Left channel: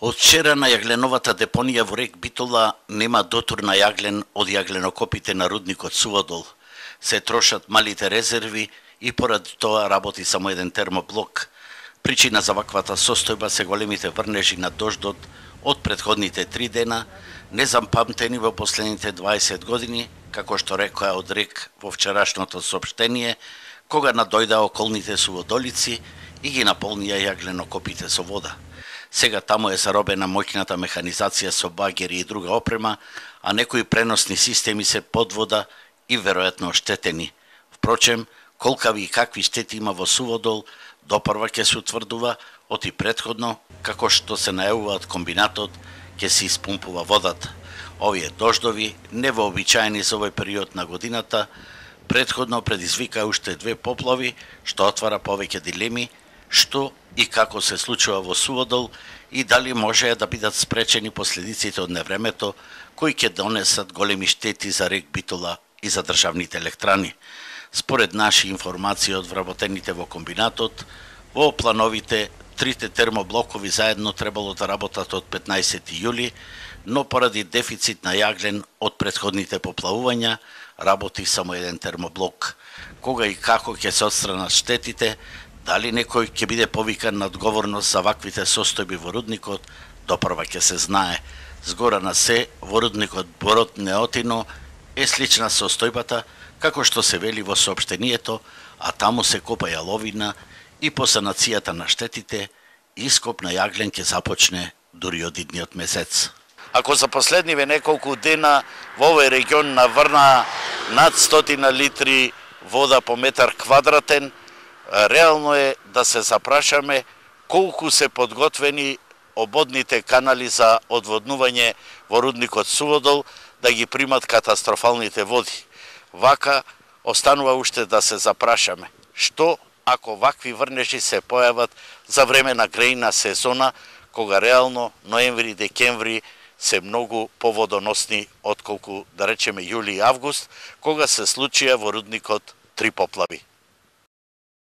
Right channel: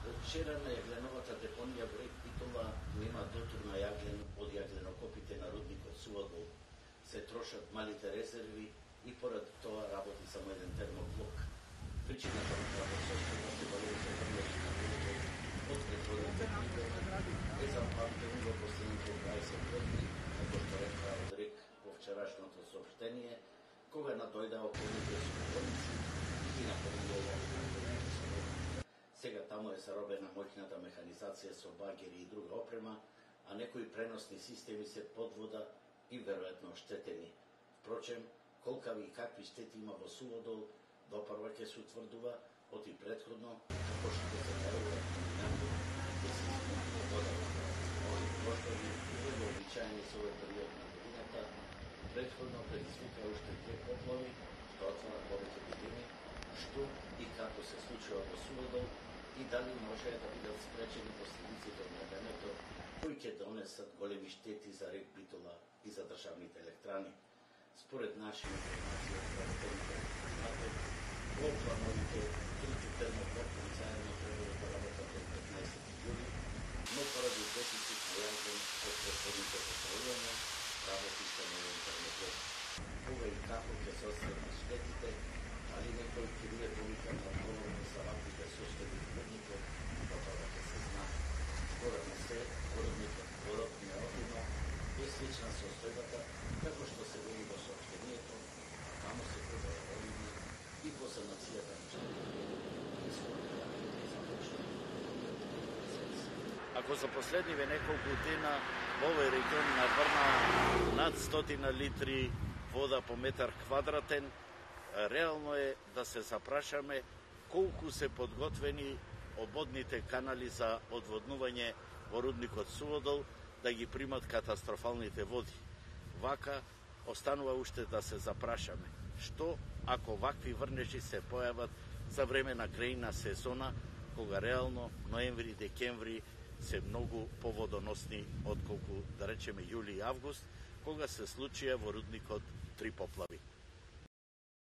Од вчера на јагленовата депонија во рек Битола нема дотур на јаглен од јагленокопите на рудникот Суводол. Се трошат малите резерви и поради тоа работи само еден термоблок. Причина за ваквата состојба се големите врнежи на дождот од претходните 3 дена, незапамтени во последните 20 години, како што рекоа од рек во вчерашното соопштение, кога надојда околните суводолици и ги наполнија јагленокопите со вода. Сега таму е заробена моќната механизација со багери и друга опрема, а некои преносни системи се под вода и веројатно оштетени. Впрочем, колкави и какви штети има во Суводол, допрва ќе се утврдува од и претходно, како што се најавува од комбинатот, ќе се испумпува водата. Овие дождови, невообичаени за овој период на годината, претходно предизвика уште 2 поплави, што отвара повеќе дилеми, што и како се случува во Суводол и дали можеа да бидат спречени последиците од невремето, кои ќе донесат големи штети за рек Битола и за државните електрани. Според наши информации од вработените во комбинатот, во плановите трите термоблокови заедно требало да работат од 15 јули, но поради дефицит на јаглен од претходните поплавувања, работи само еден термоблок. Кога и како ќе се отстранат штетите, дали некој ќе биде повикан на одговорност за ваквите состојби во рудникот, допрва ќе се знае. Згора на се, во рудникот Борот Неотино е слична состојбата, како што се вели во соопштението, а таму се копа јаловина и по санацијата на штетите, ископ на јаглен ќе започне дури од идниот месец. Ако за последниве неколку дена во овој регион наврна над 100 литри вода по метар квадратен, реално е да се запрашаме колку се подготвени ободните канали за одводнување во рудникот Суводол да ги примат катастрофалните води. Вака останува уште да се запрашаме што ако вакви врнежи се појават за време на грејна сезона, кога реално ноември-декември се многу поводоносни отколку, да речеме, јули и август, кога се случија во рудникот 3 поплави.